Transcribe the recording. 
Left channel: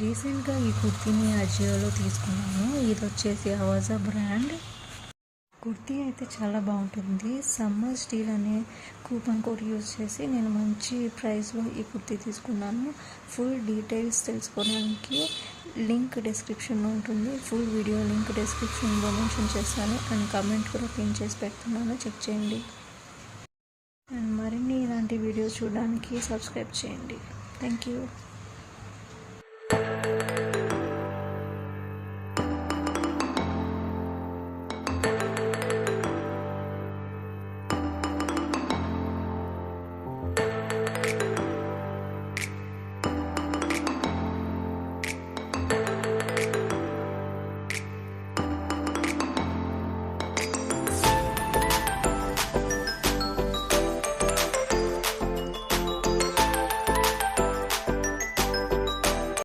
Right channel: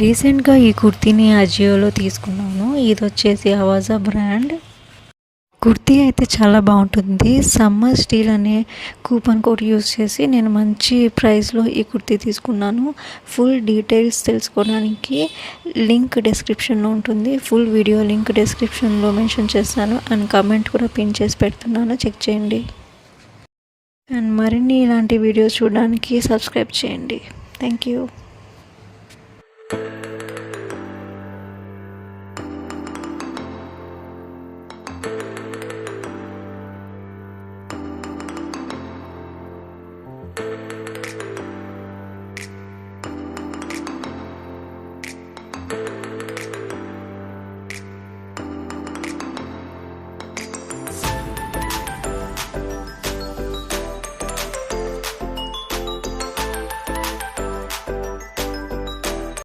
రీసెంట్గా ఈ కుర్తీని అజియోలో తీసుకున్నాను. ఇది వచ్చేసి అవాజా బ్రాండ్. కుర్తీ అయితే చాలా బాగుంటుంది. సమ్మర్ స్టీల్ అనే కూపన్ కోడ్ యూస్ చేసి నేను మంచి ప్రైస్లో ఈ కుర్తీ తీసుకున్నాను. ఫుల్ డీటెయిల్స్ తెలుసుకోవడానికి లింక్ డిస్క్రిప్షన్లో ఉంటుంది. ఫుల్ వీడియో లింక్ డిస్క్రిప్షన్లో మెన్షన్ చేస్తాను అండ్ కమెంట్ కూడా పిన్ చేసి పెడుతున్నాను, చెక్ చేయండి. అండ్ మరిన్ని ఇలాంటి వీడియోస్ చూడడానికి సబ్స్క్రైబ్ చేయండి. Thank you.